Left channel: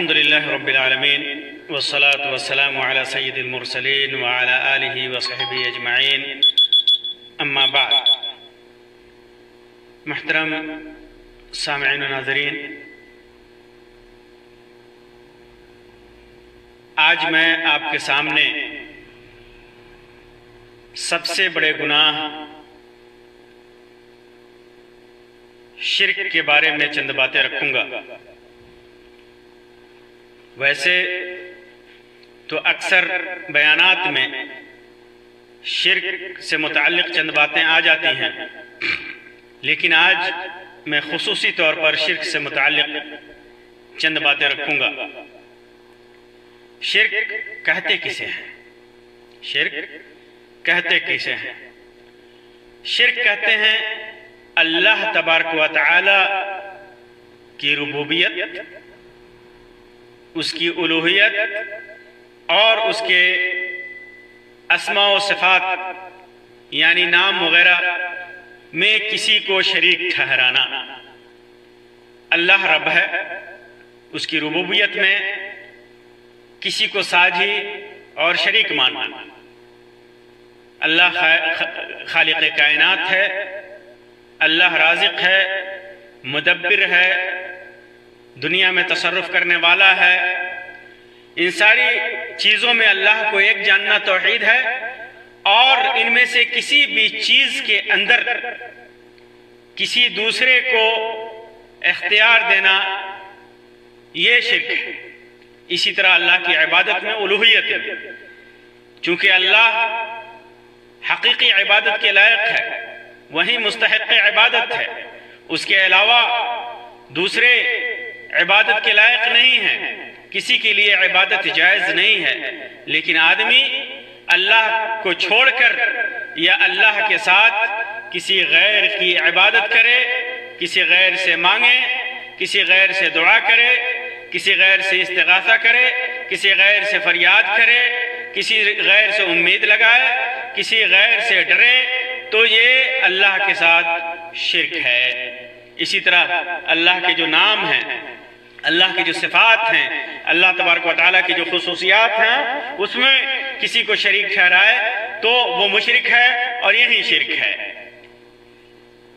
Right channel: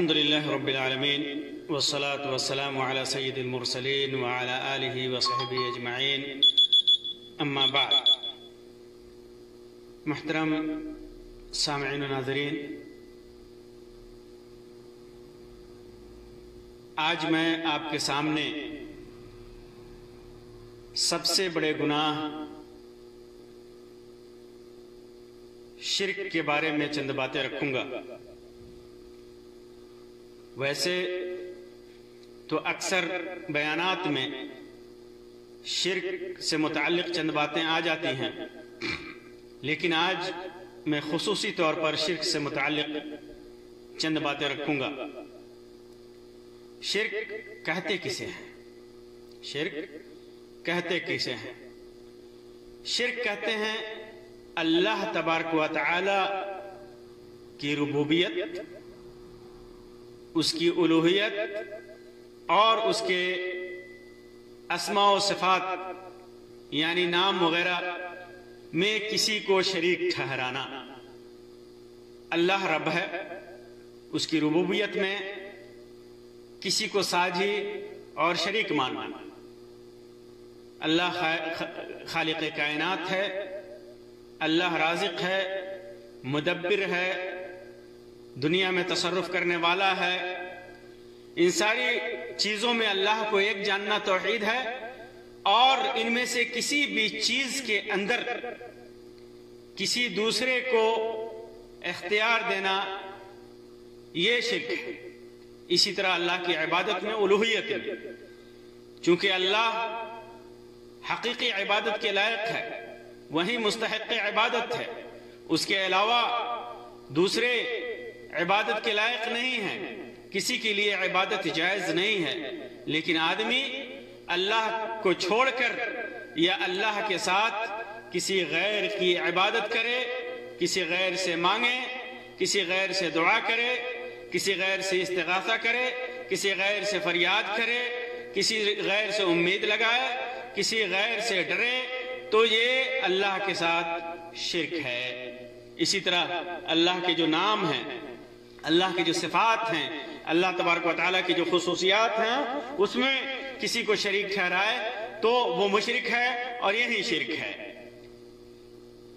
الحمد لله رب العالمين والصلاة والسلام على سيد المرسلين وعلى آله وصحبه أجمعين اما بعد. محترم سامعین و ناظرین، آج میں آپ کے سامنے سب سے بڑے گناہ شرک کے بارے میں چند باتیں رکھوں گا. ویسے تو اکثر بیانات میں شرک سے متعلق چند باتیں آ جاتی ہیں، لیکن آج میں خصوصی طور پر شرک سے متعلق چند باتیں رکھوں گا. شرک کہتے کسے ہیں؟ شرک کہتے کسے ہیں؟ شرک کہتے ہیں اللہ تبارک و تعالی کی ربوبیت، اس کی الوہیت اور اس کے اسماء و صفات یعنی نام وغیرہ میں کسی کو شریک ٹھہرانا. اللہ رب ہے، اس کی ربوبیت میں کسی کو ساجی اور شریک ماننا. اللہ خالق کائنات ہے، اللہ رازق ہے، مدبر ہے، دنیا میں تصرف کرنے والا ہے. ان ساری چیزوں میں اللہ کو ایک جاننا توحید ہے، اور ان میں سے کسی بھی چیز کے اندر کسی دوسرے کو اختیار دینا یہ شرک ہے. اسی طرح اللہ کی عبادت میں الوہیت ہے، چونکہ اللہ حقیقی عبادت کے لائق ہے، وہی مستحق عبادت ہے. اس کے علاوہ دوسرے عبادت کے لائق نہیں ہیں، کسی کے لیے عبادت جائز نہیں ہے. لیکن آدمی اللہ کو چھوڑ کر یا اللہ کے ساتھ کسی غیر کی عبادت کرے، کسی غیر سے مانگے، کسی غیر سے دعا کرے، کسی غیر سے استغاثہ کرے، کسی غیر سے فریاد کرے، کسی غیر سے امید لگائے، کسی غیر سے ڈرے، تو یہ اللہ کے ساتھ شرک ہے. اسی طرح اللہ کے جو نام ہیں، اللہ کی جو صفات ہیں، اللہ تبارک و تعالیٰ کی جو خصوصیات ہیں، اس میں کسی کو شریک ٹھہرائے تو وہ مشرک ہے، اور یہی شرک ہے.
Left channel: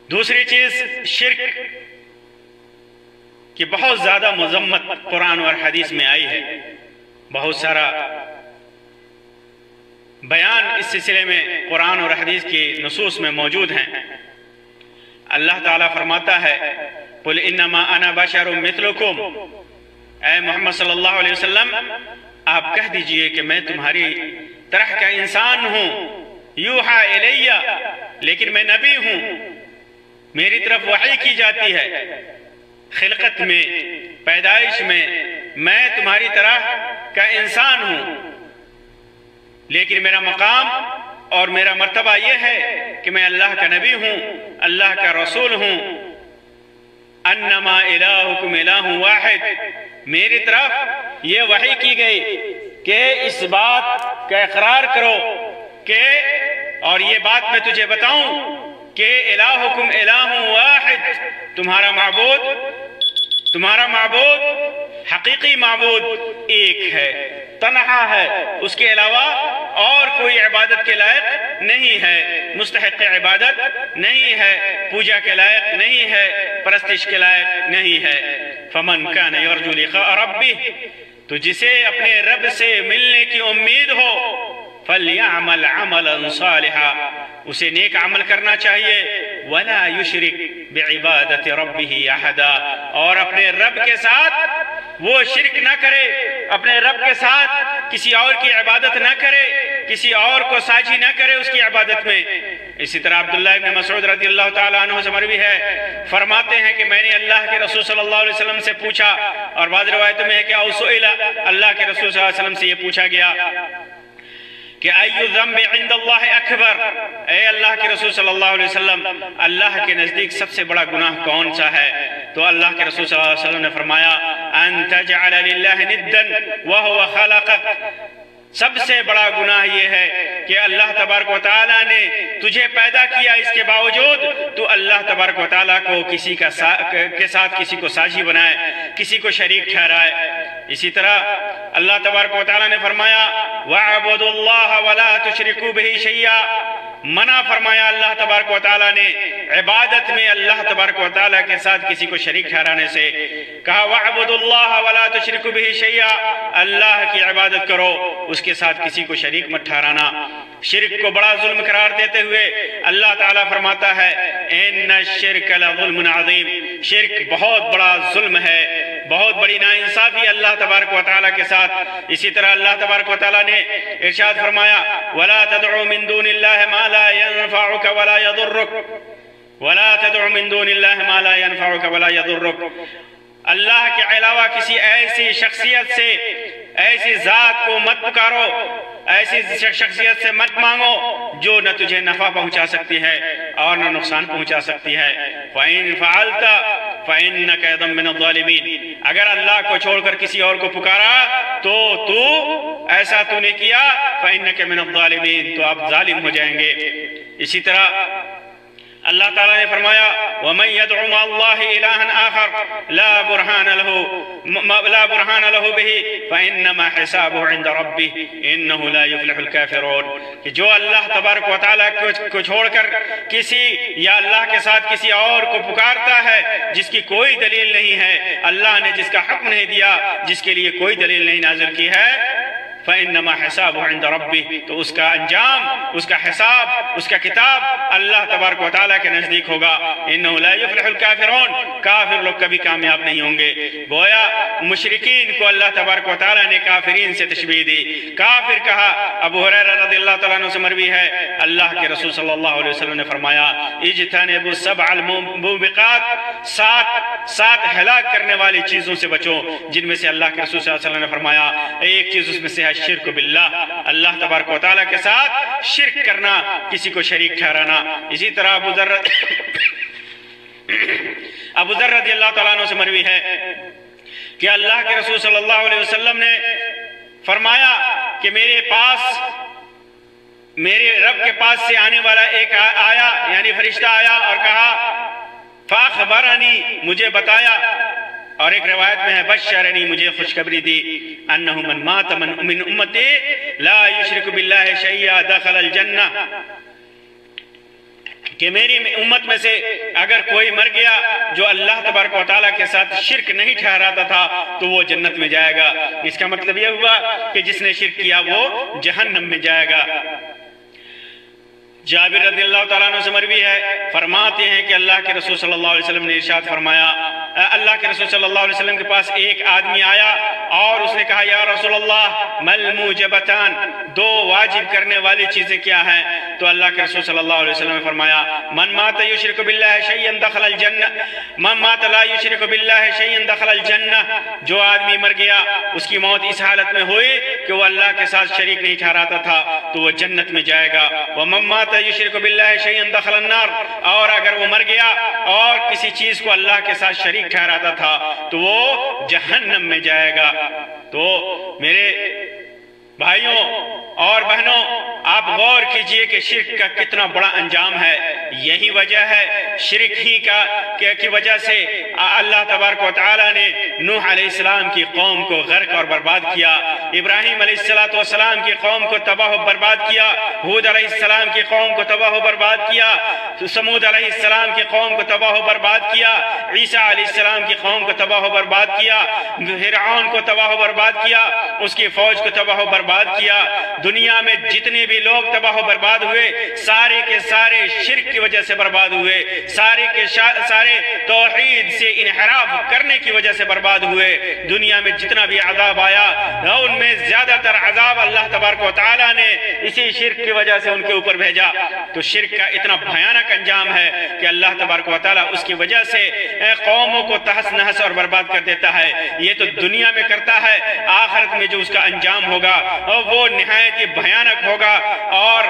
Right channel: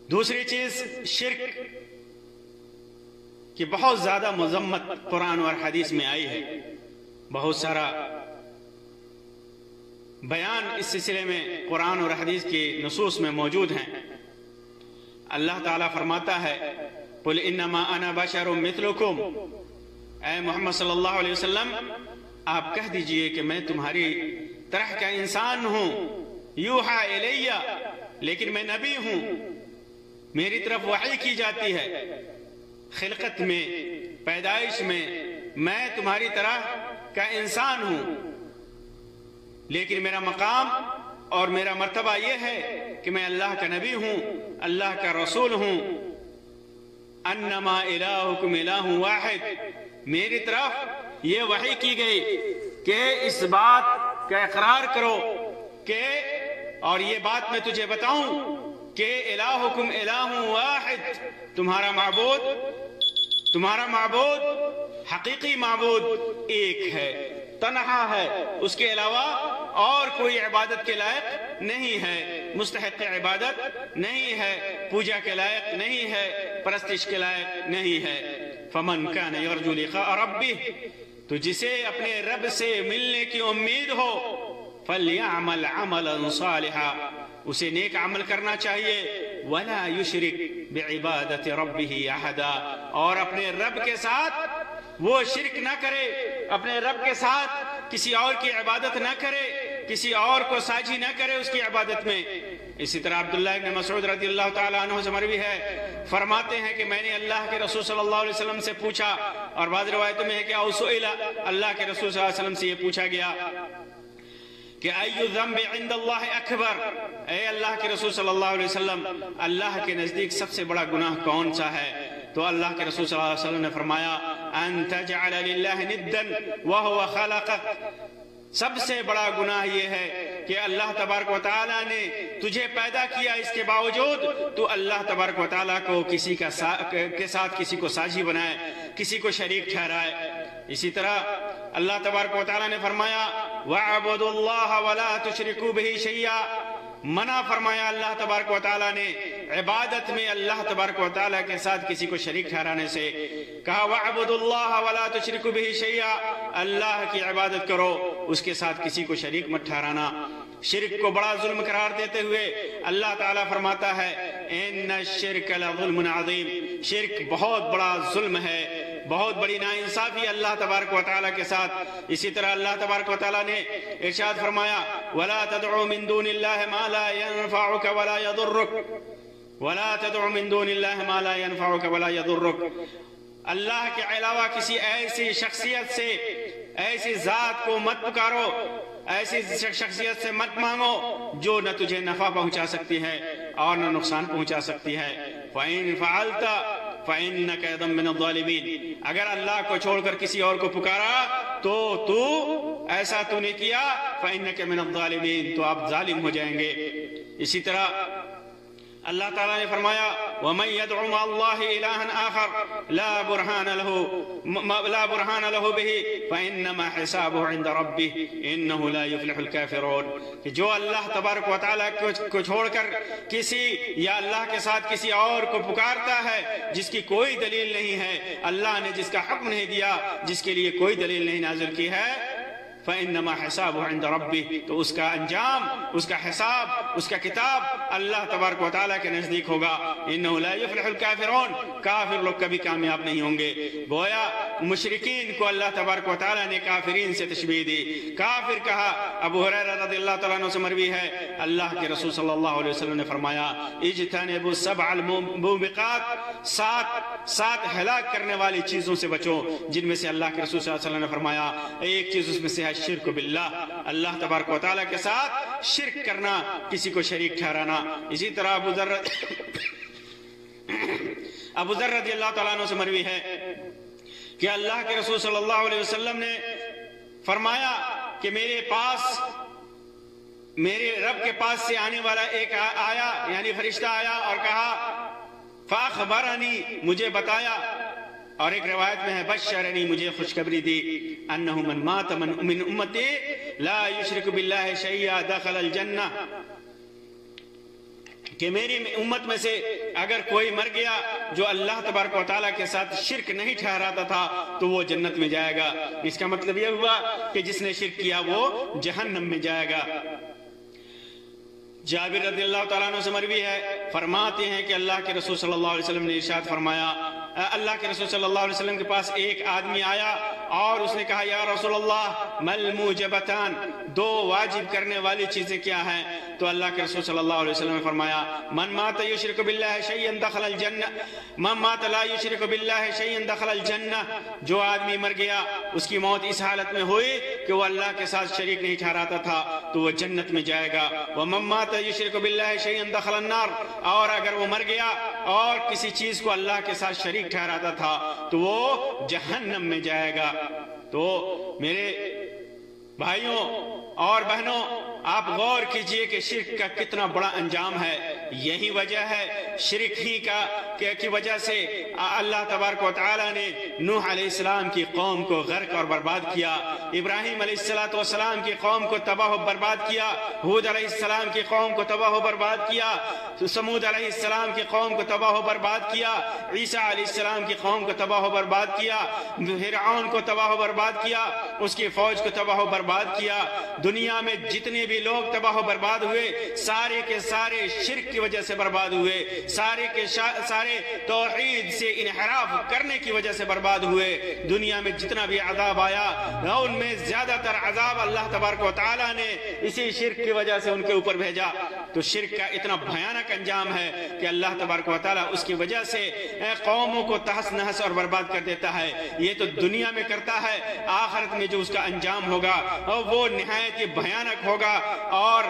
دوسری چیز شرک کی بہت زیادہ مذمت قرآن اور حدیث میں آئی ہے. بہت سارا بیان اس سلسلے میں قرآن اور حدیث کی نصوص میں موجود ہیں. اللہ تعالیٰ فرماتا ہے قُلْ إِنَّمَا أَنَا بَشَرٌ مِثْلُكُمْ، اے محمد صلی اللہ علیہ وسلم آپ کہہ دیجئے کہ میں تمہاری طرح کا انسان ہوں. یوحا الیہ، لیکن میں نبی ہوں، میری طرف وحی کی جاتی ہے. خلقت میں، پیدائش میں تمہاری طرح کا انسان ہوں، لیکن میرا مقام اور میرا مرتبہ یہ ہے کہ میں اللہ کا نبی ہوں، اللہ کا رسول ہوں. انما الہکم الہ واحد، میری طرف یہ وحی کی گئی کہ اس بات کا اقرار کرو کہ، اور یہ بات میں تجھے بتاؤں کہ الہکم الہ واحد، تمہارا معبود حقیقی معبود ایک ہے، تنہا ہے، اس کے علاوہ اور کوئی عبادت کے لائق نہیں ہے، مستحق عبادت نہیں ہے، پوجا کے لائق نہیں ہے، پرستش کے لائق نہیں ہے. فمن کان یرجو لقاء ربہ، تو جسے اپنے رب سے ملنے کی امید ہو، فلیعمل عملا صالحا، اسے نیک عمل کرنا چاہیے. ولا یشرک بعبادت ربہ احدا، اور اپنے رب کے ساتھ وہ شرک نہ کرے، اپنے رب کے ساتھ کسی اور کی عبادت نہ کرے، کسی اور کو ساجی نہ کرے اس کی عبادت میں. اسی طرح عبداللہ ابن مسعود رضی اللہ تعالیٰ عنہ سے مروی ہے، فرماتے ہیں کہ میں نے اللہ کے رسول صلی اللہ علیہ وسلم سے پوچھا، اور بعض روایتوں میں ہے کہ سئل، اللہ کے رسول صلی اللہ علیہ وسلم سے یہ پوچھا گیا کہ ای الذنب عند اللہ اکبر، اے اللہ کے رسول صلی اللہ علیہ وسلم اللہ کے نزدیک سب سے بڑا گناہ کون سا ہے؟ تو اللہ کے رسول صلی اللہ علیہ وسلم نے فرمایا ان تجعل للہ ندا وهو خلقک، سب سے بڑا گناہ یہ ہے کہ اللہ تبارک و تعالیٰ نے تجھے پیدا کیا، اس کے باوجود تو اللہ تبارک و تعالیٰ کو کسی کے ساتھ کسی کو ساجی بنائے، کسی کو شریک ٹھہرائے. اسی طرح اللہ تبارک و تعالیٰ نے فرمایا وَاعْبُدُوا اللَّهَ وَلَا تُشْرِكُوا بِهِ شَيْئًا، منع فرمایا اللہ تبارک و تعالیٰ نے عبادت میں اللہ تبارک و تعالیٰ کے ساتھ کسی کو شریک ٹھہرانے سے۔ کہا وَاعْبُدُوا اللَّهَ وَلَا تُشْرِكُوا بِهِ شَيْئًا، اللہ کی عبادت کرو، اس کے ساتھ کسی کو شریک مت ٹھہرانا۔ شرک کو بڑا ظلم قرار دیتے ہوئے اللہ تعالیٰ فرماتا ہے ان الشرک لظلم عظیم، شرک بہت بڑا ظلم ہے، بہت بڑی ناانصافی اللہ تبارک و تعالیٰ کے ساتھ۔ اسی طرح اللہ تبارک و تعالیٰ نے ارشاد فرمایا وَلَا تَدْعُوا مِن دُونِ اللَّهِ مَا لَا يَنفَعُكَ وَلَا يَضُرُّكَ، وَلَا تَدْعُوا مِن دُونِ اللَّهِ مَا لَا يَنفَعُكَ وَلَا يَضُرُّكَ، اللہ کے علاوہ کسی ایسی شخصیت سے، ایسی ذات کو مت پکارو، ایسی شخصیت سے مت مانگو جو نہ تجھے نفع پہنچا سکتی ہے اور نہ نقصان پہنچا سکتی ہے۔ فَإِن فَعَلْتَ فَإِنَّكَ إِذًا مِّنَ الظَّالِمِينَ، اگر اللہ کو چھوڑ کر کسی اور کو پکارا تو ایسا تو نے کیا فَإِنَّكَ مِنَ الظَّالِمِينَ، تو آپ ظالم ہو جائیں گے۔ اسی طرح اللہ تعالیٰ نے فرمایا وَمَن يَدْعُ مَعَ اللَّهِ إِلَٰهًا آخَرَ لَا بُرْهَانَ لَهُ بِهِ فَإِنَّمَا حِسَابُهُ عِندَ رَبِّهِ إِنَّهُ لَا يُفْلِحُ الْكَافِرُونَ، کہ جو اللہ تبارک و تعالیٰ کو چھوڑ کر کسی یا اللہ کے ساتھ کسی اور کو پکارتا ہے جس کی کوئی دلیل نہیں ہے، اللہ نے جس کا حکم نہیں دیا، جس کے لیے کوئی دلیل نہیں نازل کی ہے، فَإِنَّمَا حِسَابُهُ عِندَ رَبِّهِ، تو اس کا انجام، اس کا حساب، اس کا کتاب اللہ تبارک و تعالیٰ کے نزدیک ہوگا۔ إِنَّهُ لَا يُفْلِحُ الْكَافِرُونَ، کافر لوگ کبھی کامیاب نہیں ہوں گے۔ گویا مشرکین کو اللہ تبارک و تعالیٰ نے کافرین سے تشبیہ دی، کافر کہا۔ ابو ہریرہ رضی اللہ تعالیٰ عنہ سے مروی ہے اللہ کے رسول صلی اللہ علیہ وسلم نے فرمایا اجتنبوا السبع الموبقات، سات ہلاک کرنے والی چیزوں سے بچو، جن میں سے اللہ کے رسول صلی اللہ علیہ وسلم نے فرمایا ایک چیز اس میں سے ہے شرک باللہ، اللہ تبارک و تعالیٰ کے ساتھ شرک کرنا، کسی کو شریک ٹھہرانا۔ اسی طرح ابو ذر رضی اللہ تعالیٰ عنہ سے مروی ہے کہ اللہ کے رسول صلی اللہ علیہ وسلم نے فرمایا کہ میرے رب کے پاس سے آنے والا ایک آیا، یعنی فرشتہ آیا اور کہا فاخبرنی، مجھے بتایا، اور ایک روایت میں ہے بشرنی، مجھے خوشخبری دی، انہ من مات من امتی لا یشرک باللہ شیئا دخل الجنہ، کہ میری امت میں سے اگر کوئی مر گیا جو اللہ تبارک و تعالیٰ کے ساتھ شرک نہیں ٹھہراتا تھا تو وہ جنت میں جائے گا۔ اس کا مطلب یہ ہوا کہ جس نے شرک کیا وہ جہنم میں جائے گا۔ جابر رضی اللہ تعالیٰ عنہ سے مروی ہے، فرماتے ہیں کہ اللہ کے رسول صلی اللہ علیہ وسلم نے ارشاد فرمایا، اللہ کے رسول صلی اللہ علیہ وسلم کے پاس ایک آدمی آیا اور اس نے کہا یا رسول اللہ مل موجبتان، دو واجب کرنے والی چیزیں کیا ہیں؟ تو اللہ کے رسول صلی اللہ علیہ وسلم نے فرمایا من مات یشرک باللہ شیئا دخل الجنہ، من مات لا یشرک باللہ شیئا دخل الجنہ، جو آدمی مر گیا اس کی موت اس حالت میں ہوئی کہ وہ اللہ کے ساتھ شریک نہیں ٹھہراتا تھا تو وہ جنت میں جائے گا۔ ومن مات یشرک باللہ شیئا دخل النار، اور اگر وہ مر گیا اور کسی چیز کو اللہ کے ساتھ شریک ٹھہراتا تھا تو وہ جہنم میں جائے گا۔ تو میرے بھائیوں اور بہنوں، آپ غور کیجئے کہ شرک کا کتنا بڑا انجام ہے۔ یہی وجہ ہے شرک ہی کی وجہ سے اللہ تبارک و تعالیٰ نے نوح علیہ السلام کی قوم کو غرق اور برباد کیا، ابراہیم علیہ السلام کی قوم کو تباہ و برباد کیا، ہود علیہ السلام کی قوم کو تباہ و برباد کیا، سمود علیہ السلام کی قوم کو تباہ و برباد کیا، عیسیٰ علیہ السلام کی قوم کو تباہ و برباد کیا، فرعون کو تباہ و برباد کیا، اس کی فوج کو تباہ و برباد کیا۔ دنیا میں جتنے بھی لوگ تباہ و برباد ہوئے سارے کے سارے شرک کی وجہ سے برباد ہوئے، سارے کے سارے توحید سے انحراف کرنے کی وجہ سے برباد ہوئے۔ دنیا میں جتنا بھی عذاب آیا ان میں زیادہ تر عذاب اللہ تبارک و تعالیٰ نے اسی شرک کی وجہ سے ان کے اوپر بھیجا۔ تو شرک کا اتنا بھیانک انجام ہے کہ اللہ تبارک و تعالیٰ اس کی وجہ سے قوموں کو تہس نہس اور برباد کر دیتا ہے۔ یہ تو دنیا میں کرتا ہے، آخرت میں جو اس کا انجام ہوگا وہ نہایت ہی بھیانک ہوگا، اور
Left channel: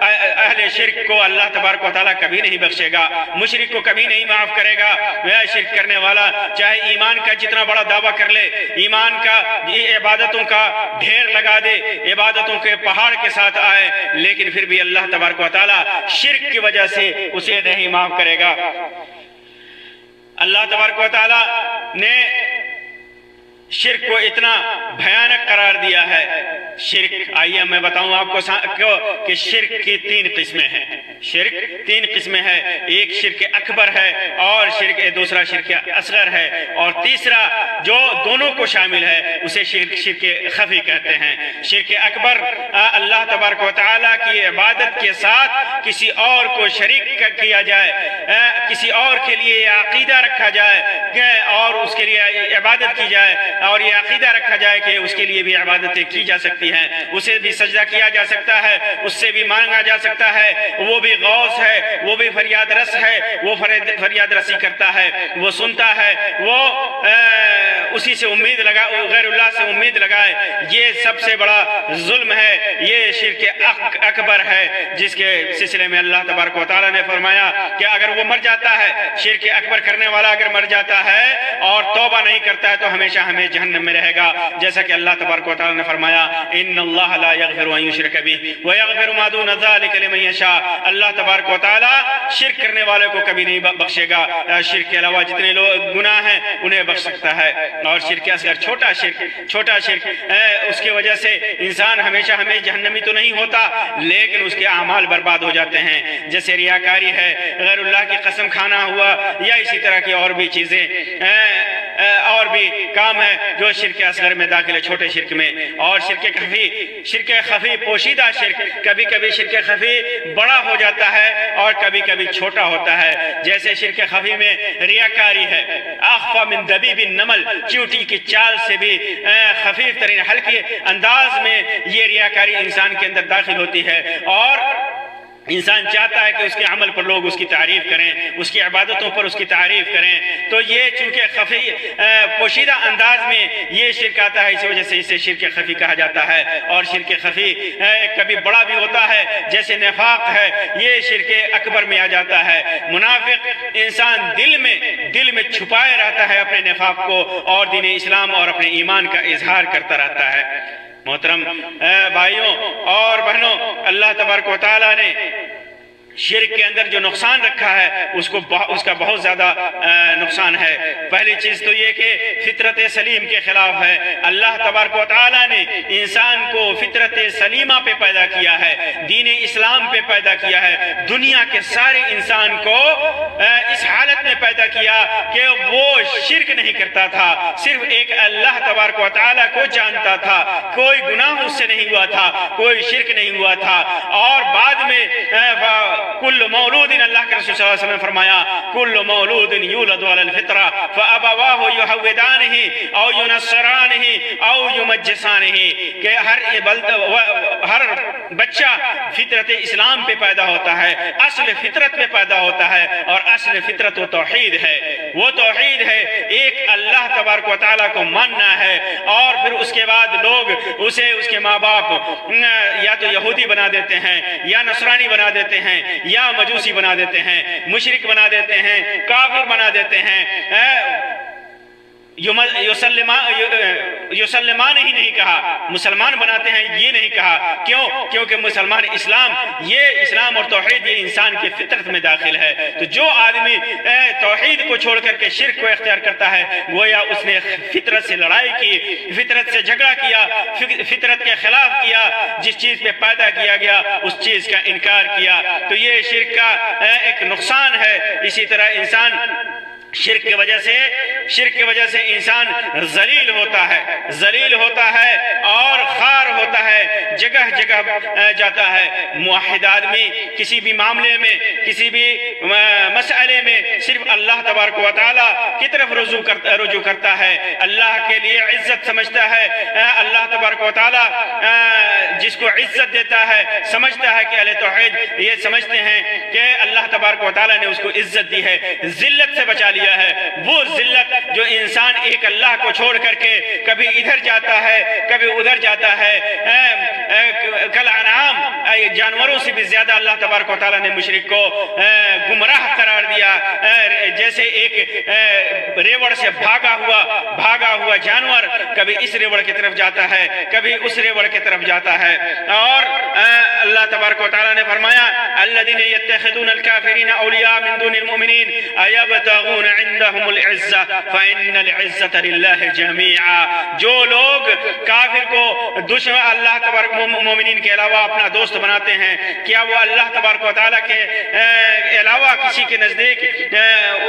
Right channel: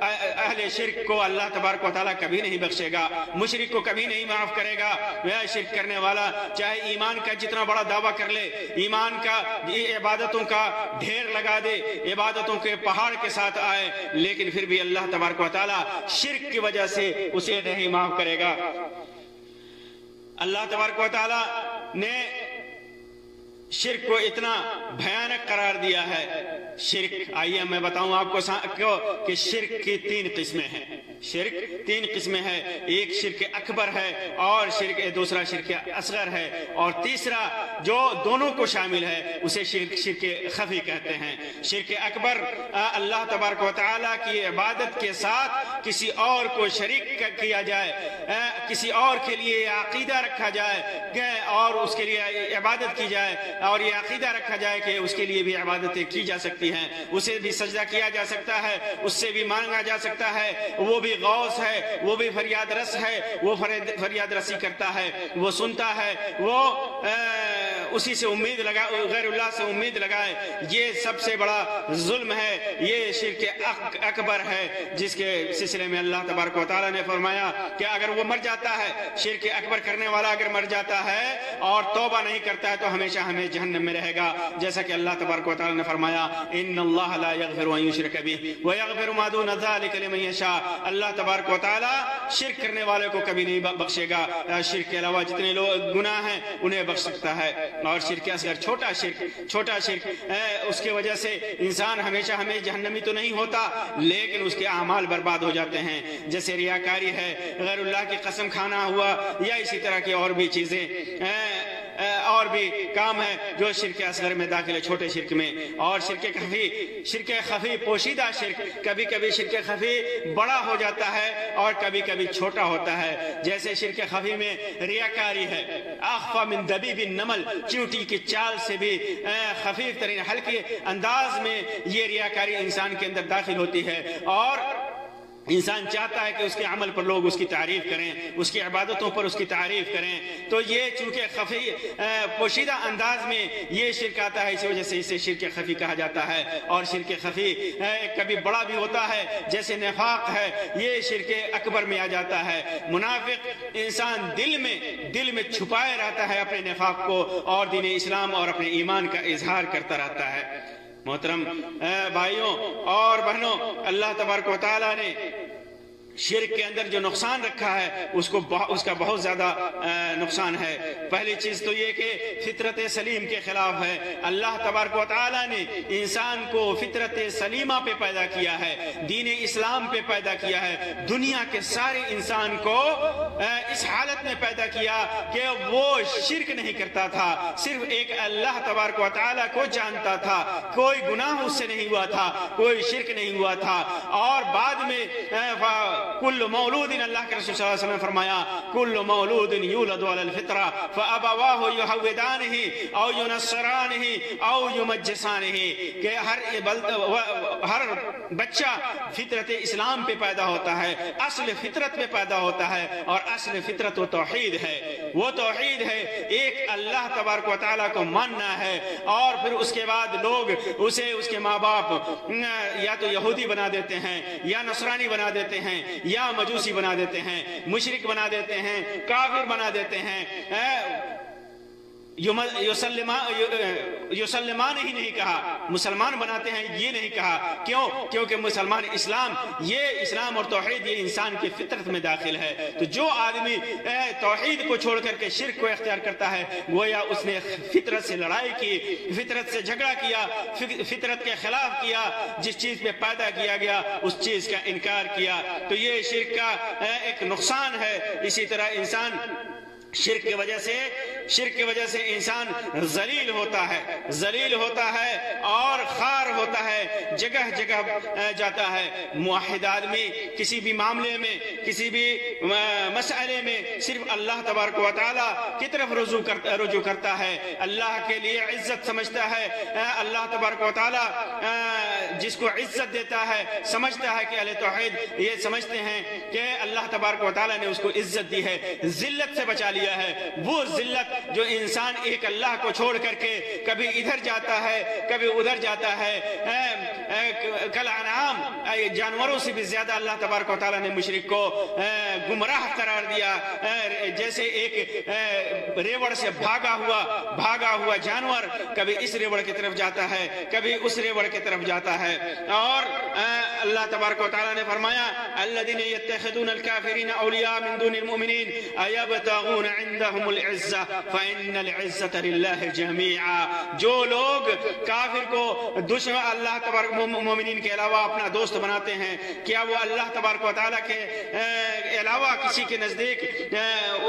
اہل شرک کو اللہ تبارک و تعالیٰ کبھی نہیں بخشے گا، مشرک کو کبھی نہیں معاف کرے گا۔ وہ شرک کرنے والا چاہے ایمان کا جتنا بڑا دعویٰ کر لے، ایمان کا عبادتوں کا ڈھیر لگا دے، عبادتوں کے پہاڑ کے ساتھ آئے، لیکن پھر بھی اللہ تبارک و تعالیٰ شرک کی وجہ سے اسے نہیں معاف کرے گا۔ اللہ تبارک و تعالیٰ نے شرک کو اتنا بھیانک قرار دیا ہے۔ شرک، آئیے میں بتاؤں آپ کو کہ شرک کی 3 قسمیں ہیں۔ شرک 3 قسمیں ہیں، ایک شرک اکبر ہے اور دوسرا شرک اصغر ہے، اور تیسرا جو دونوں کو شامل ہے اسے شرک خفی کہتے ہیں۔ شرک اکبر اللہ تبارک و تعالیٰ کی عبادت کے ساتھ کسی اور کو شریک کیا جائے، کسی اور کے لیے عقیدہ رکھا جائے اور اس کے لیے عبادت کی جائے، اور یہ عقیدہ رکھا جائے کہ اس کے لیے بھی عبادتیں کی جا سکتی ہیں، اسے بھی سجدہ کیا جا سکتا ہے، اس سے بھی مانگا جا سکتا ہے، وہ بھی غوث ہے، وہ بھی فریاد رس ہے، وہ فریاد رسی کرتا ہے، وہ سنتا ہے، وہ اسی سے امید غیر اللہ سے امید لگائے۔ یہ سب سے بڑا ظلم ہے، یہ شرک اکبر ہے، جس کے سلسلے میں اللہ تبارک و تعالیٰ نے فرمایا کہ اگر وہ مر جاتا ہے، شرک اکبر کرنے والا اگر مر جاتا ہے اور توبہ نہیں کرتا ہے تو ہمیشہ ہمیں جہنم میں رہے گا، جیسا کہ اللہ تبارک و تعالیٰ نے فرمایا ان اللہ لا یغفر ان یشرک بہ ویغفر ما دون ذلک لمن یشاء۔ اللہ تبارک و تعالیٰ شرک کرنے والے کو کبھی نہیں بخشے گا، شرک کے علاوہ جتنے لوگ گناہ ہیں انہیں بخش سکتا ہے۔ اور شرک اصغر، چھوٹا شرک، اس کی وجہ سے انسان ہمیشہ جہنمی تو نہیں ہوتا لیکن اس کے اعمال برباد ہو جاتے ہیں، جیسے ریاکاری ہے، غیر اللہ کی قسم کھانا ہوا، یا اسی طرح کی اور بھی چیزیں، اور بھی کام ہے جو شرک اصغر میں داخل ہے، چھوٹے شرک میں۔ اور شرک خفی پوشیدہ شرک، کبھی کبھی شرک خفی بڑا ہو جاتا ہے اور کبھی کبھی چھوٹا ہوتا ہے، جیسے شرک خفی میں ریاکاری ہے، اخفی من دبیب النمل، چیونٹی کی چال سے بھی خفیف ترین ہلکے انداز میں یہ ریاکاری انسان کے اندر داخل ہوتی ہے، اور انسان چاہتا ہے کہ اس کے عمل پر لوگ اس کی تعریف کریں، اس کی عبادتوں پر اس کی تعریف کریں، تو یہ چونکہ خفی پوشیدہ انداز میں یہ شرک آتا ہے، اسی وجہ سے اسے شرک خفی کہا جاتا ہے۔ اور شرک خفی کبھی بڑا بھی ہوتا ہے، جیسے نفاق ہے، یہ شرک اکبر میں آ جاتا ہے۔ منافق انسان دل میں چھپائے رہتا ہے اپنے نفاق کو، اور دین اسلام اور اپنے ایمان کا اظہار کرتا رہتا ہے۔ محترم بھائیوں اور بہنوں، اللہ تبارک و تعالیٰ نے شرک کے اندر جو نقصان رکھا ہے اس کا بہت زیادہ نقصان ہے۔ پہلی چیز تو یہ کہ فطرت سلیم کے خلاف ہے۔ اللہ تبارک و تعالیٰ نے انسان کو فطرت سلیمہ پہ پیدا کیا ہے، دین اسلام پہ پیدا کیا ہے، دنیا کے سارے انسان کو اس حالت میں پیدا کیا کہ وہ شرک نہیں کرتا تھا، صرف ایک اللہ تبارک و تعالیٰ کو جانتا تھا، کوئی گناہ اس سے نہیں ہوا تھا، کوئی شرک نہیں ہوا تھا۔ اور بعد میں کل مولود، اللہ کے رسول صلی اللہ علیہ وسلم نے فرمایا کل مولود یولد علی الفطرہ فابواہ یہودانہ او ینصرانہ او یمجسانہ، کہ ہر بچہ فطرت اسلام پہ پیدا ہوتا ہے، اصل فطرت پہ پیدا ہوتا ہے، اور اصل فطرت و توحید ہے، وہ توحید ہے، ایک اللہ تبارک و تعالیٰ کو ماننا ہے۔ اور پھر اس کے بعد لوگ اسے اس کے ماں باپ یا تو یہودی بنا دیتے ہیں، یا نصرانی بنا دیتے ہیں، یا مجوسی بنا دیتے ہیں، مشرک بنا دیتے ہیں، کافر بنا دیتے ہیں، یسلمان ہی نہیں کہا، مسلمان بناتے ہیں یہ نہیں کہا، کیوں؟ کیونکہ مسلمان یہ اسلام اور توحید یہ انسان کی فطرت میں داخل ہے۔ تو جو آدمی توحید کو چھوڑ کر کے شرک کو اختیار کرتا ہے گویا اس نے فطرت سے لڑائی کی، فطرت سے جھگڑا کیا، فطرت کے خلاف کیا، جس چیز پہ پیدا کیا گیا اس چیز کا انکار کیا۔ تو یہ شرک کا ایک نقصان ہے۔ اسی طرح انسان شرک کی وجہ سے انسان ذلیل ہوتا ہے اور خوار ہوتا ہے، جگہ جگہ جاتا ہے۔ موحد آدمی کسی بھی معاملے میں، کسی بھی مسئلے میں صرف اللہ تبارک و تعالیٰ کی طرف رجوع کرتا ہے، اللہ کے لیے عزت سمجھتا ہے۔ اللہ تبارک و تعالیٰ جس کو عزت دیتا ہے سمجھتا ہے کہ اہل توحید یہ سمجھتے ہیں کہ اللہ تبارک و تعالیٰ نے اس کو عزت دی ہے، ذلت سے بچا لیا ہے۔ وہ ذلت جو انسان ایک اللہ کو چھوڑ کر کے کبھی ادھر جاتا ہے کبھی ادھر جاتا ہے، کل انعام جانوروں سے بھی زیادہ اللہ تبارک و تعالیٰ نے مشرک کو گمراہ قرار دیا۔ جیسے ایک ریوڑ سے بھاگا ہوا بھاگا ہوا جانور کبھی اس ریوڑ کی طرف جاتا ہے کبھی اس ریوڑ کی طرف جاتا ہے. اور اللہ تبارک و تعالیٰ نے فرمایا الذین یتخذون الکافرین اولیاء من دون المؤمنین ایبتغون عندهم العزہ فإن العزة للہ جميعا. جو لوگ کافر کو دشمن اللہ تبارک مومنین کے علاوہ اپنا دوست بناتے ہیں، کیا وہ اللہ تبارک و تعالیٰ کے علاوہ کسی کے نزدیک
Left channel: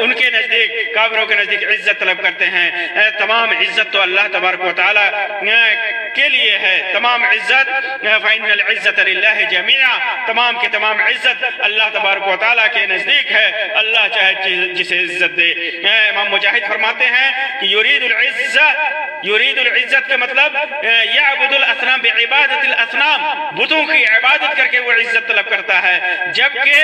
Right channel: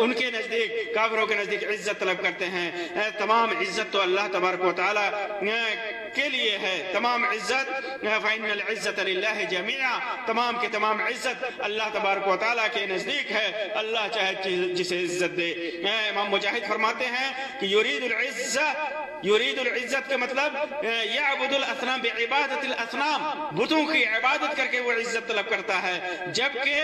ان کے نزدیک کافروں کے نزدیک عزت طلب کرتے ہیں؟ تمام عزت تو اللہ تبارک و تعالیٰ کے لیے ہے. تمام عزت فإن العزة للہ جميعا، تمام کی تمام عزت اللہ تبارک و تعالیٰ کے نزدیک ہے. اللہ چاہے جسے عزت دے. امام مجاہد فرماتے ہیں کہ یرید العزت کے مطلب یعبد الاصنام بعبادت الاصنام، بتوں کی عبادت کر کے وہ عزت طلب کرتا ہے. جبکہ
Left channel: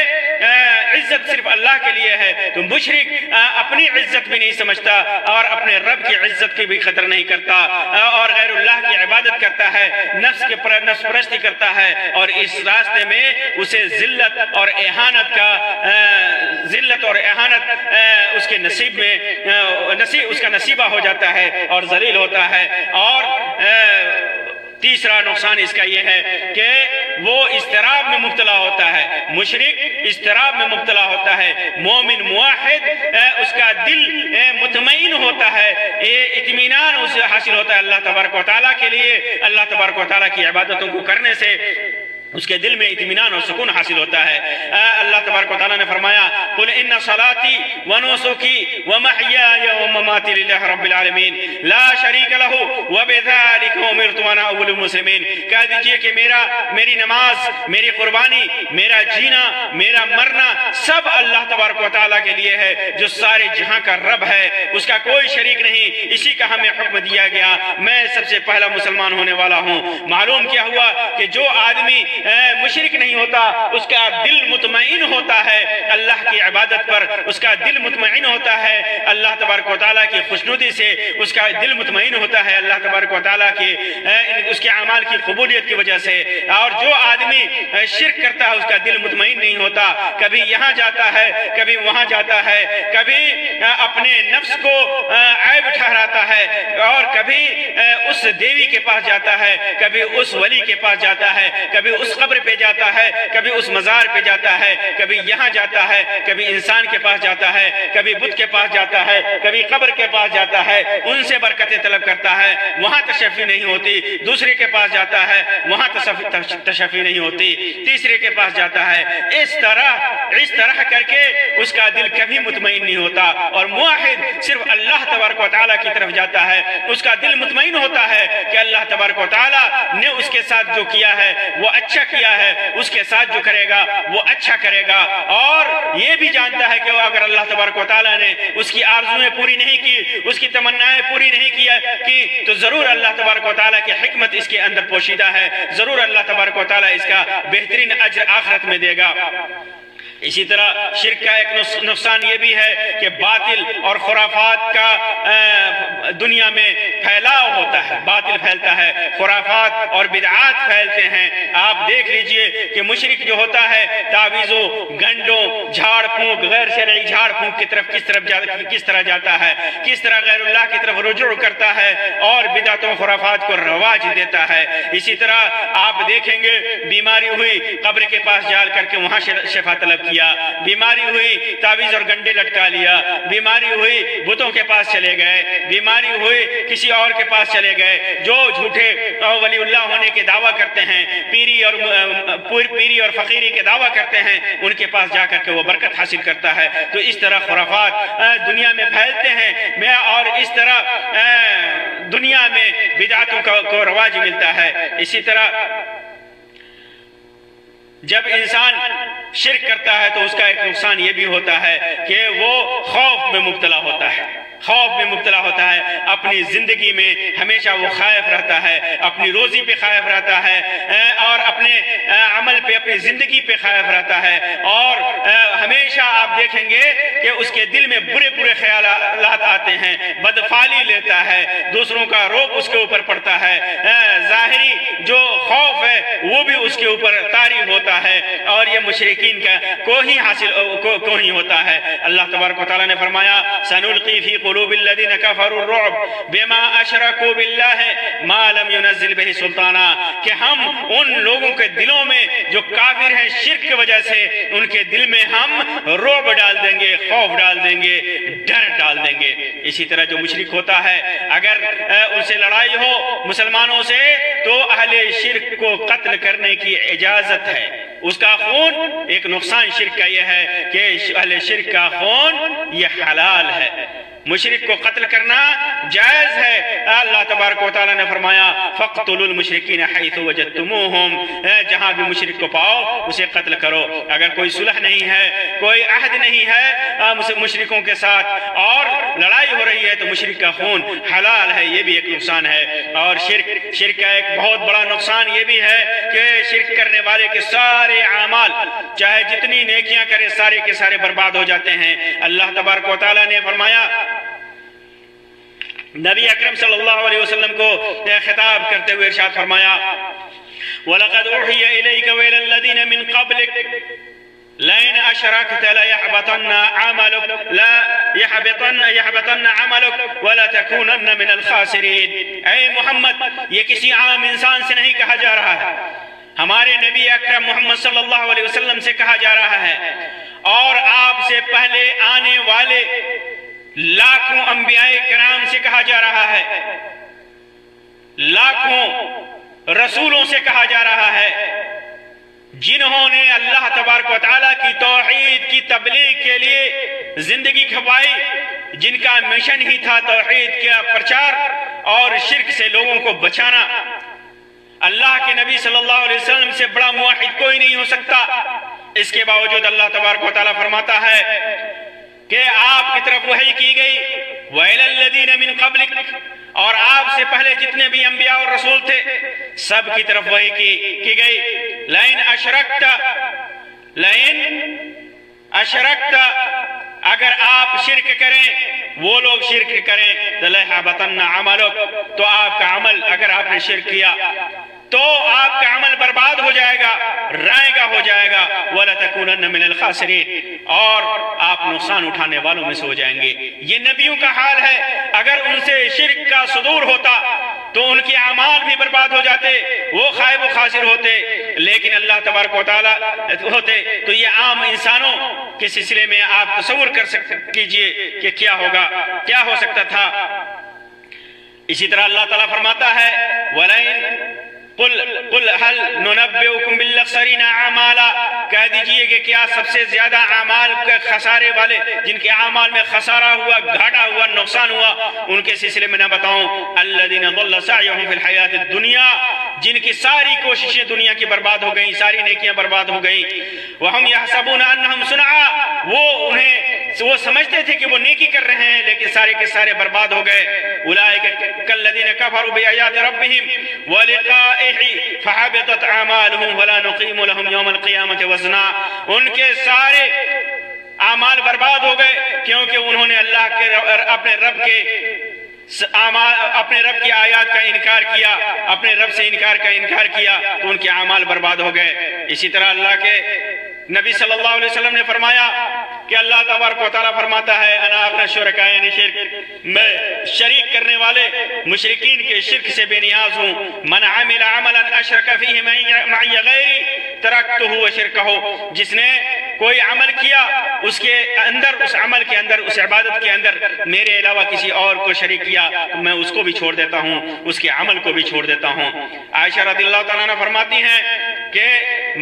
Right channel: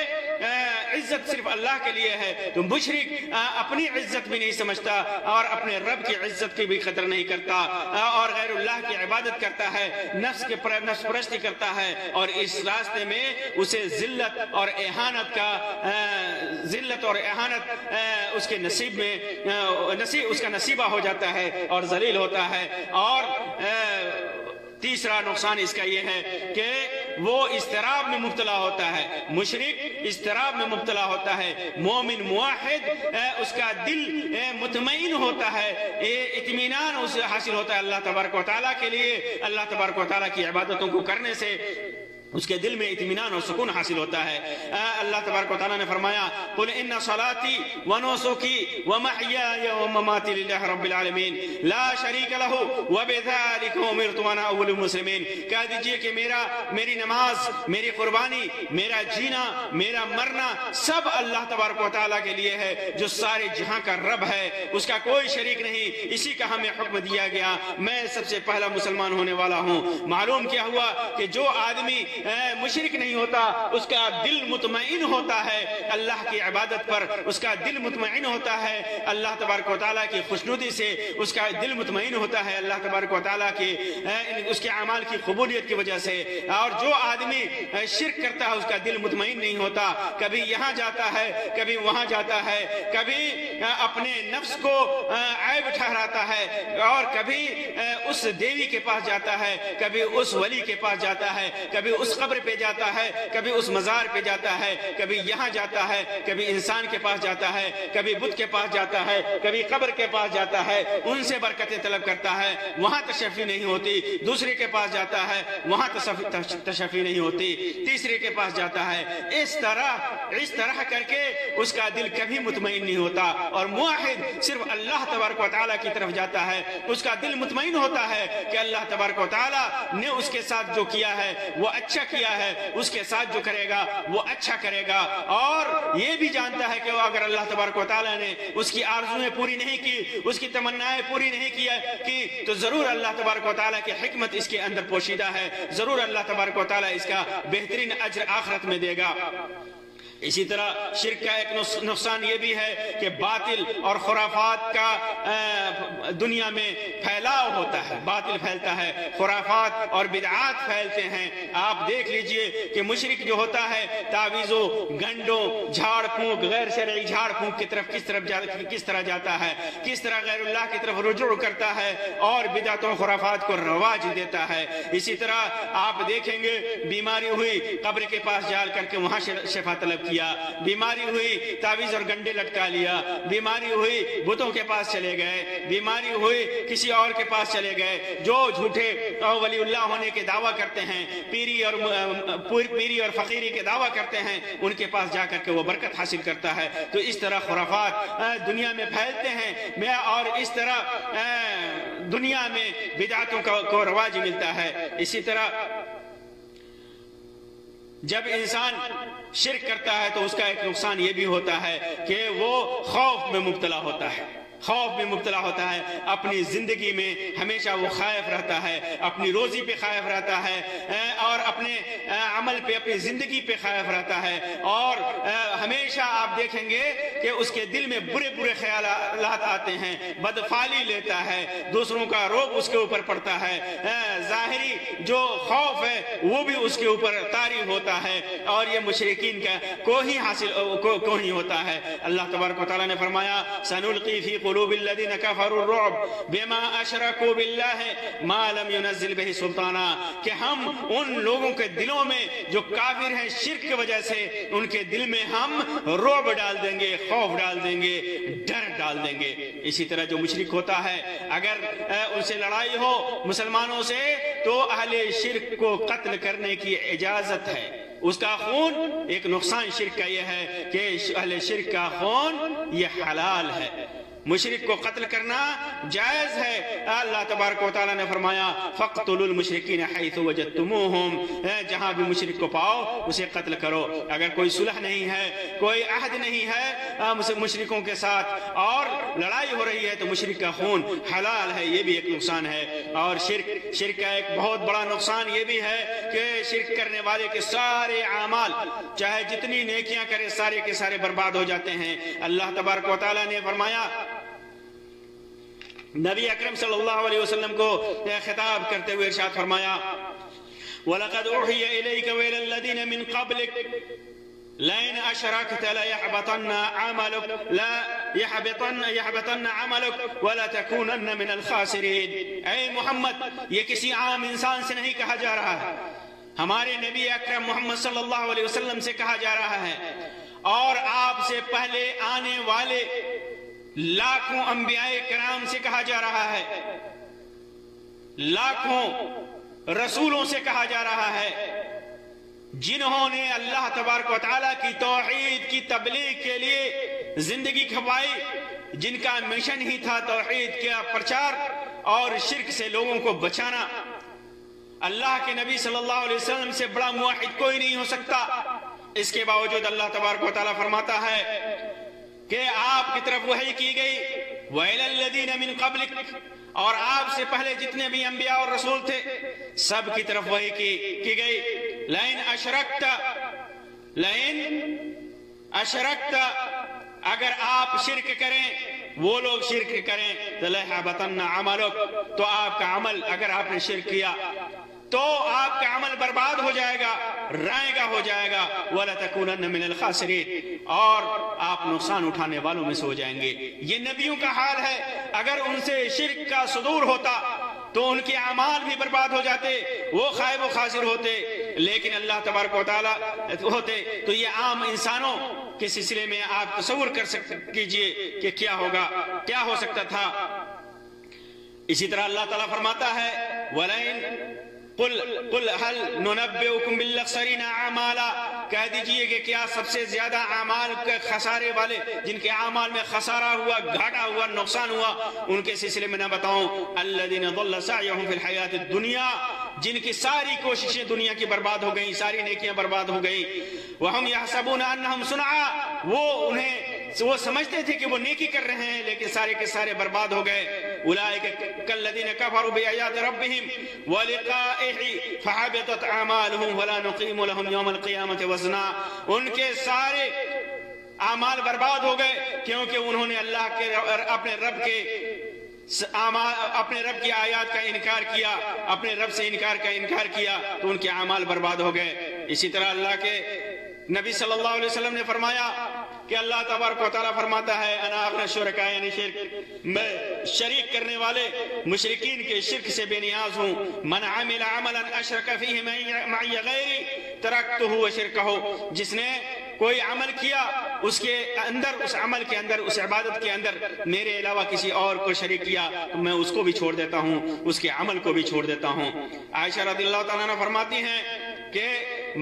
عزت صرف اللہ کے لیے ہے تو مشرک اپنی عزت بھی نہیں سمجھتا اور اپنے رب کی عزت کی بھی قدر نہیں کرتا اور غیر اللہ کی عبادت کرتا ہے، نفس پرستی کرتا ہے، اور اس راستے میں اسے ذلت اور اہانت اس کے نصیب میں اس کا نصیبہ ہو جاتا ہے اور ذلیل ہوتا ہے. اور تیسرا نقصان اس کا یہ ہے کہ وہ اضطراب میں مبتلا ہوتا ہے. مشرک اضطراب میں مبتلا ہوتا ہے. مومن موحد اس کا دل مطمئن ہوتا ہے، اطمینان اسے حاصل ہوتا ہے اللہ تبارک و تعالیٰ کے لیے. اللہ تبارک و تعالیٰ کی عبادتوں کو کرنے سے اس کے دل میں اطمینان اور سکون حاصل ہوتا ہے. اللہ تبارک و تعالیٰ نے فرمایا قل ان صلاتی ونسکی ومحیای ومماتی للہ رب العالمین لا شریک لہ وبذالک امرت وانا اول المسلمین. کہہ دیجئے کہ میری نماز، میری قربانی، میرا جینا، میرا مرنا سب اللہ تبارک و تعالیٰ کے لیے ہے جو سارے جہاں کا رب ہے، اس کا کوئی شریک نہیں. اسی کا ہمیں حکم دیا گیا، میں سب سے پہلا مسلمان ہونے والا ہوں. معلوم کیا ہوا کہ جو آدمی مشرک نہیں ہوتا اس کا دل مطمئن ہوتا ہے اللہ کی عبادت پر، اس کا دل مطمئن ہوتا ہے اللہ تبارک و تعالیٰ کی خوشنودی سے، اس کا دل مطمئن ہوتا ہے اللہ تبارک و تعالیٰ کی اس کے اعمال کی قبولیت کی وجہ سے. اور جو آدمی شرک کرتا ہے اس کا دل مطمئن نہیں ہوتا، کبھی یہاں جاتا ہے کبھی وہاں جاتا ہے، کبھی اپنے نفس کو عیب ٹھہراتا ہے اور کبھی اس دیوی کے پاس جاتا ہے، کبھی اس ولی کے پاس جاتا ہے، کبھی اس قبر پہ جاتا ہے، کبھی اس مزار پہ جاتا ہے، کبھی یہاں جاتا ہے، کبھی انسان کے پاس جاتا ہے، کبھی بت کے پاس جاتا ہے، کبھی قبر کے پاس جاتا ہے، ان سے برکتیں طلب کرتا ہے، وہاں تشفی نہیں ہوتی. دوسرے کے پاس جاتا ہے وہاں تشفی نہیں ہوتی. تیسرے کے پاس جاتا ہے. اس طرح کر کے اس کا دل کبھی مطمئن نہیں ہوتا. اور موحد صرف اللہ تبارک و تعالیٰ کی طرف جاتا ہے، اس کا دل مطمئن ہوتا ہے کہ اللہ تبارک و تعالیٰ نے اس کے ساتھ جو کیا ہے وہ اچھا کیا ہے، اس کے ساتھ جو کرے گا وہ اچھا کرے گا. اور یہ بھی جانتا ہے کہ اگر اللہ تبارک و تعالیٰ نے اس کی آرزویں پوری نہیں کی، اس کی تمنائیں پوری نہیں کی تو ضرور اللہ تبارک و تعالیٰ کی حکمت اس کے اندر پوشیدہ ہے، ضرور اللہ تبارک و تعالیٰ اس کا بہترین اجر آخرت میں دے گا. اسی طرح شرک کا ایک نقصان یہ بھی ہے کہ باطل اور خرافات کا دنیا میں پھیلاؤ ہوتا ہے. باطل پھیلتا ہے، خرافات اور بدعات پھیلتے ہیں. آپ دیکھ لیجئے کہ مشرک جو ہوتا ہے تعویذوں، گنڈوں، جھاڑ پھونک، غیر شرعی جھاڑ پھونک کی طرف کس طرح جاتا ہے، کس طرح غیر اللہ کی طرف رجوع کرتا ہے اور بدعتوں خرافات کو رواج دیتا ہے. اسی طرح آپ دیکھیں گے بیماری ہوئی قبر کے پاس جا کر کے وہاں شفا طلب کی، بیماری ہوئی تعویذ اور گنڈے لٹکا لیا، بیماری ہوئی بتوں کے پاس چلے گئے، بیماری ہوئی کسی اور کے پاس چلے گئے. جو جھوٹے ولی اللہ ہونے کے دعویٰ کرتے ہیں، پیری اور فقیری کے دعویٰ کرتے ہیں، ان کے پاس جا کر کے وہ برکت حاصل کرتا ہے. تو اس طرح خرافات دنیا میں پھیلتے ہیں اور اس طرح دنیا میں بدعتوں کو رواج ملتا ہے. اسی طرح جب انسان شرک کرتا ہے تو اس کا ایک نقصان یہ بھی ہوتا ہے کہ وہ خوف میں مبتلا ہوتا ہے. اپنی زندگی میں ہمیشہ وہ خائف رہتا ہے، اپنی روزی پہ خائف رہتا ہے اور اپنے عمل پہ اپنی زندگی پہ خائف رہتا ہے، اور ہمیشہ آپ دیکھیں گے کہ اس کے دل میں برے برے خیالات آتے ہیں، بدفعلی لیتا ہے، دوسروں کا روب اس کے اوپر پڑتا ہے، ظاہری جو خوف ہے وہ بھی اس کے اوپر طاری ہوتا ہے، اور یہ مشرکین کا کو ہی ہوتا ہے۔ اللہ تبارک و تعالیٰ نے فرمایا سنلقی فی قلوب الذین کفروا الرعب بما اشرکوا باللہ ما لم ينزل به سلطانا، کہ ہم ان لوگوں کے دلوں میں جو کافر ہیں شرک کی وجہ سے، ان کے دل میں ہم رعب ڈال دیں گے، خوف ڈال دیں گے، ڈر ڈال دیں گے۔ اسی طرح جو مشرک ہوتا ہے اگر ان سے لڑائی ہو مسلمانوں سے تو اہل شرک کو قتل کرنے کی اجازت ہے، اس کا خون، ایک نقصان شرک کا یہ ہے کہ اہل شرک کا خون یہ حلال ہے، مشرک کو قتل کرنا جائز ہے۔ اللہ تبارک و تعالیٰ نے فرمایا فَاقْتُلُوا الْمُشْرِكِينَ حَيْثُ وَجَدْتُمُوهُمْ، جہاں بھی مشرک کو پاؤ اسے قتل کرو۔ اگر کوئی صلح نہیں ہے، کوئی عہد نہیں ہے مشرکوں کے ساتھ اور لڑائی ہو رہی ہے تو مشرک کا خون حلال ہے، یہ بھی ایک نقصان ہے۔ اور شرک کا ایک بہت بڑا نقصان یہ بھی ہے کہ شرک کرنے والے کے سارے اعمال چاہے جتنی نیکیاں کرے سارے کے سارے برباد ہو جاتے ہیں۔ اللہ تبارک و تعالیٰ نے فرمایا، نبی اکرم صلی اللہ علیہ وسلم کو خطاب کرتے ہوئے ارشاد فرمایا وَلَقَدْ أُوحِيَ إِلَيْكَ وَإِلَى الَّذِينَ مِنْ قَبْلِكَ لَئِنْ أَشْرَكْتَ لَيَحْبَطَنَّ عَمَلُكَ وَلَتَكُونَنَّ مِنَ الْخَاسِرِينَ۔ اے محمد، یہ کسی عام انسان سے نہیں کہا جا رہا ہے، ہمارے نبی اکرم محمد صلی اللہ علیہ وسلم سے کہا جا رہا ہے، اور آپ سے پہلے آنے والے لاکھوں انبیاء کرام سے کہا جا رہا ہے، لاکھوں رسولوں سے کہا جا رہا ہے، جنہوں نے اللہ تبارک و تعالیٰ کی توحید کی تبلیغ کے لیے زندگی کھپائی، جن کا مشن ہی تھا توحید کا پرچار اور شرک سے لوگوں کو بچانا۔ اللہ کے نبی صلی اللہ علیہ وسلم سے بڑا موحد کوئی نہیں ہو سکتا، اس کے باوجود اللہ تبارک و تعالیٰ فرماتا ہے کہ آپ کی طرف وحی کی گئی وَإِلَى الَّذِينَ مِن قَبْلِكَ، اور آپ سے پہلے جتنے بھی انبیاء اور رسول تھے سب کی طرف وحی کی گئی لَإِنْ أَشْرَكْتَ، اگر آپ شرک کریں، وہ لوگ شرک کریں لَيَحْبَطَنَّ عَمَلُكَ، تو آپ کا عمل، اگر آپ نے شرک کیا تو آپ کا عمل برباد ہو جائے گا، رائے گا ہو جائے گا، وَلَتَكُونَنَّ مِنَ الْخَاسِرِينَ، اور آپ نقصان اٹھانے والوں میں سے ہو جائیں گے۔ یہ نبیوں کا حال ہے، اگر ان سے شرک کا صدور ہوتا تو ان کے اعمال بھی برباد ہو جاتے، وہ خائب و خاسر ہوتے، لیکن اللہ تبارک و تعالیٰ ہوتے تو یہ عام انسانوں کے سلسلے میں آپ تصور کیجئے کہ کیا ہوگا، کیا ہو سکتا تھا۔ اسی طرح اللہ تعالیٰ فرماتا ہے قل هل ننبئكم بالاخسرین اعمالا، کہہ دیجئے کہ کیا سب سے زیادہ اعمال کے خسارے والے، جن کے اعمال میں خسارہ ہوا، گھاٹا ہوا، نقصان ہوا، ان کے سلسلے میں نہ بتاؤں؟ الذین ضل سعیهم فی الحیات الدنیا، جن کی ساری کوششیں دنیا کی برباد ہو گئیں، ساری نیکیاں برباد ہو گئیں۔ وہم یحسبون انہم صنعا، وہ سمجھتے تھے کہ وہ نیکی کر رہے ہیں لیکن سارے کے سارے برباد ہو گئے۔ اولئک کالذین کفروا بآیات ربہم ولقائہ فحبطت اعمالہم ولا نقیم لہم یوم القیامۃ وزنا، ان کے سارے اعمال برباد ہو گئے کیونکہ انہوں نے اللہ کے اپنے رب کی آیات کا انکار کیا، اپنے رب سے انکار کیا تو ان کے اعمال برباد ہو گئے۔ اسی طرح اللہ کے نبی صلی اللہ علیہ وسلم نے فرمایا کہ اللہ تبارک و تعالیٰ فرماتا ہے انا اغنی الشرکاء، یعنی شرک، میں شریک کرنے والے مشرکین کے شرک سے بے نیاز ہوں۔ من عمل عملا اشرک فیہ معی غیری ترکتہ وشرکہ، جس نے کوئی عمل کیا اس کے اندر، اس عمل کے اندر، اس عبادت کے اندر میرے علاوہ کسی اور کو شریک کیا تو میں اس کو بھی چھوڑ دیتا ہوں، اس کے عمل کو بھی چھوڑ دیتا ہوں۔ عائشہ رضی اللہ تعالیٰ عنہ فرماتی ہیں کہ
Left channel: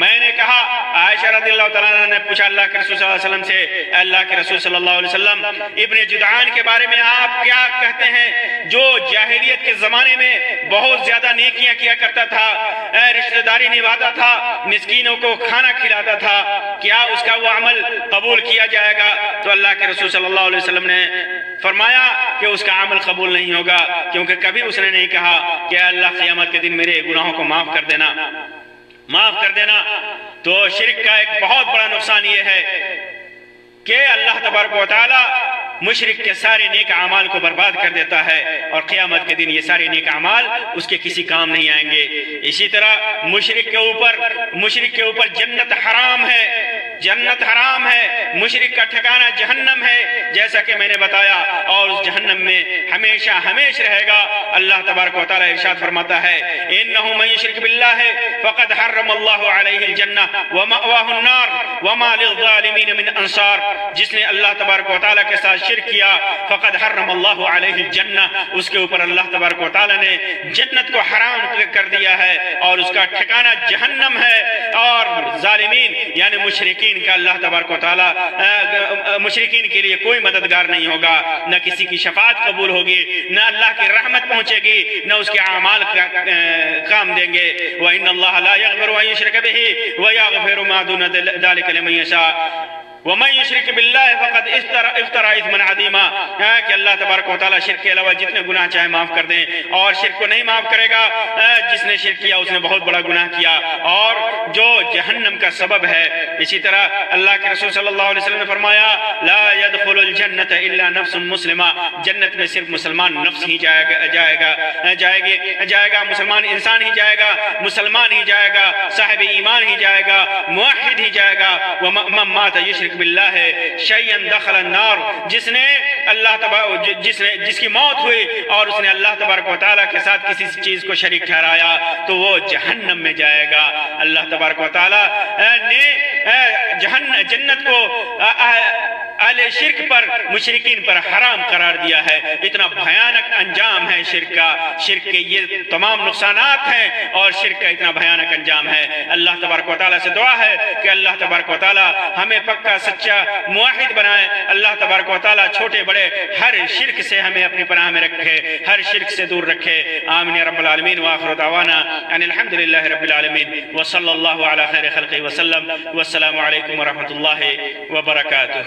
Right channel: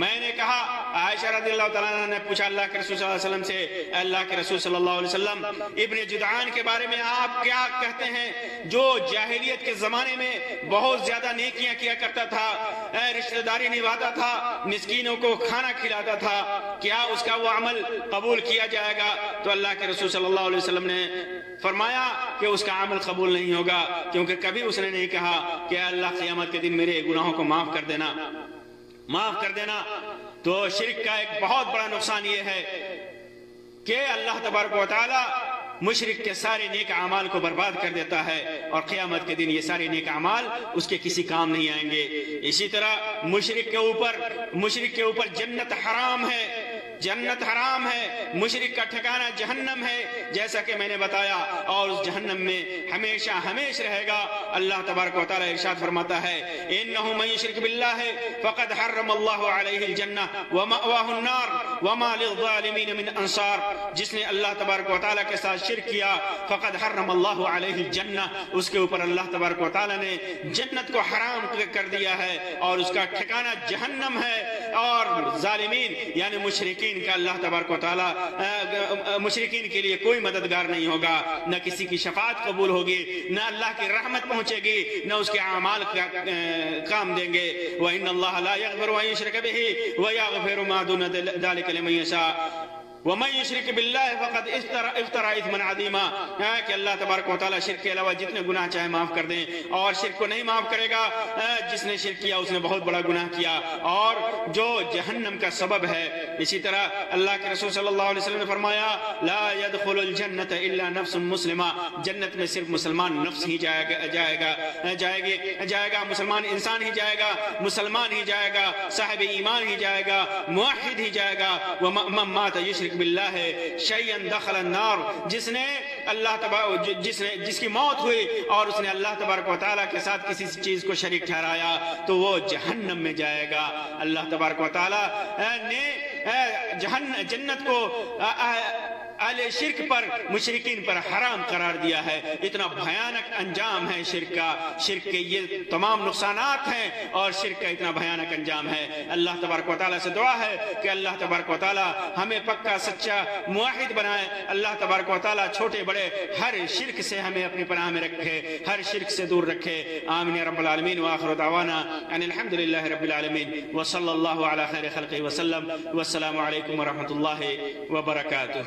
میں نے کہا، عائشہ رضی اللہ تعالیٰ عنہ نے پوچھا اللہ کے رسول صلی اللہ علیہ وسلم سے، اللہ کے رسول صلی اللہ علیہ وسلم ابن جدعان کے بارے میں آپ کیا کہتے ہیں، جو جاہلیت کے زمانے میں بہت زیادہ نیکیاں کیا کرتا تھا، رشتہ داری نبھاتا تھا، مسکینوں کو کھانا کھلاتا تھا، کیا اس کا وہ عمل قبول کیا جائے گا؟ تو اللہ کے رسول صلی اللہ علیہ وسلم نے فرمایا کہ اس کا عمل قبول نہیں ہوگا، کیونکہ کبھی اس نے نہیں کہا کہ اللہ قیامت کے دن میرے گناہوں کو معاف کر دینا۔ معاف کر دینا، تو شرک کا ایک بہت بڑا نقصان یہ ہے کہ اللہ تبارک و تعالی مشرک کے سارے نیک اعمال کو برباد کر دیتا ہے، اور قیامت کے دن یہ سارے نیک اعمال اس کے کسی کام نہیں آئیں گے۔ اسی طرح مشرک کے اوپر جنت حرام ہے، جنت حرام ہے، مشرک کا ٹھکانہ جہنم ہے، جیسا کہ میں نے بتایا، اور اس جہنم میں ہمیشہ ہمیشہ رہے گا۔ اللہ تبارک و تعالی ارشاد فرماتا ہے انه من يشرك بالله فقد حرم الله عليه الجنہ ومأواه النار وما للظالمین من انصار۔ جس نے اللہ تبارک و تعالی کے ساتھ شرک کیا فقد حرم اللہ علیہ الجنہ، اس کے اوپر اللہ تبارک و تعالی نے جنت کو حرام کر دیا ہے، اور اس کا ٹھکانہ جہنم ہے۔ اور ظالمین یعنی مشرکین کا اللہ تبارک و تعالی مشرکین کے لیے کوئی مددگار نہیں ہوگا، نہ کسی کی شفاعت قبول ہوگی، نہ اللہ کی رحمت پہنچے گی، نہ اس کے اعمال کام دیں گے۔ وَإِنَّ اللَّهَ لَا يَغْفِرُ أَن يُشْرَكَ بِهِ وَيَغْفِرُ مَا دُونَ ذَلِكَ لِمَن يَشَاءُ وَمَن يُشْرِكْ بِاللَّهِ فَقَدْ افْتَرَىٰ إِثْمًا عَظِيمًا۔ کہ اللہ تبارک و تعالیٰ شرک کے علاوہ جتنے گناہ چاہے معاف کر دیں، اور شرک کو نہیں معاف کرے گا۔ جس نے شرک کیا اس نے بہت بڑا گناہ کیا، اور جو جہنم کا سبب ہے۔ اسی طرح اللہ کے رسول صلی اللہ علیہ وسلم نے فرمایا لا يدخل الجنة الا نفس مسلمہ، جنت میں صرف مسلمان نفس ہی جائے گا، مسلمان انسان ہی جائے گا، مسلمان ہی جائے گا، صاحب ایمان ہی جائے گا، موحد ہی جائے گا۔ وَمَن مَاتَ يُشْرِكْ باللہ شیئا دخل النار، جس کی موت ہوئی اور اس نے اللہ تبارک و تعالیٰ کے ساتھ کسی چیز کو شریک ٹھہرایا تو وہ جہنم میں جائے گا۔ اللہ تبارک و تعالیٰ نے جنت کو اہل شرک پر، مشرکین پر حرام قرار دیا ہے۔ اتنا بھیانک انجام ہے شرک کے یہ تمام نقصانات ہیں، اور شرک کا اتنا بھیانک انجام ہے۔ اللہ تبارک و تعالیٰ سے دعا ہے کہ اللہ تبارک و تعالیٰ ہمیں پکا سچا موحد بنائے۔ اللہ تبارک و تعالیٰ چھوٹے بڑے ہر شرک سے ہمیں اپنی پناہ میں رکھے، ہر شرک سے دور رکھے۔ آمین یا رب العالمین، وآخر دعوانا ان الحمد للہ رب العالمین، وصلی اللہ علی خیر خلقہ وسلم، والسلام علیکم ورحمۃ اللہ وبرکاتہ۔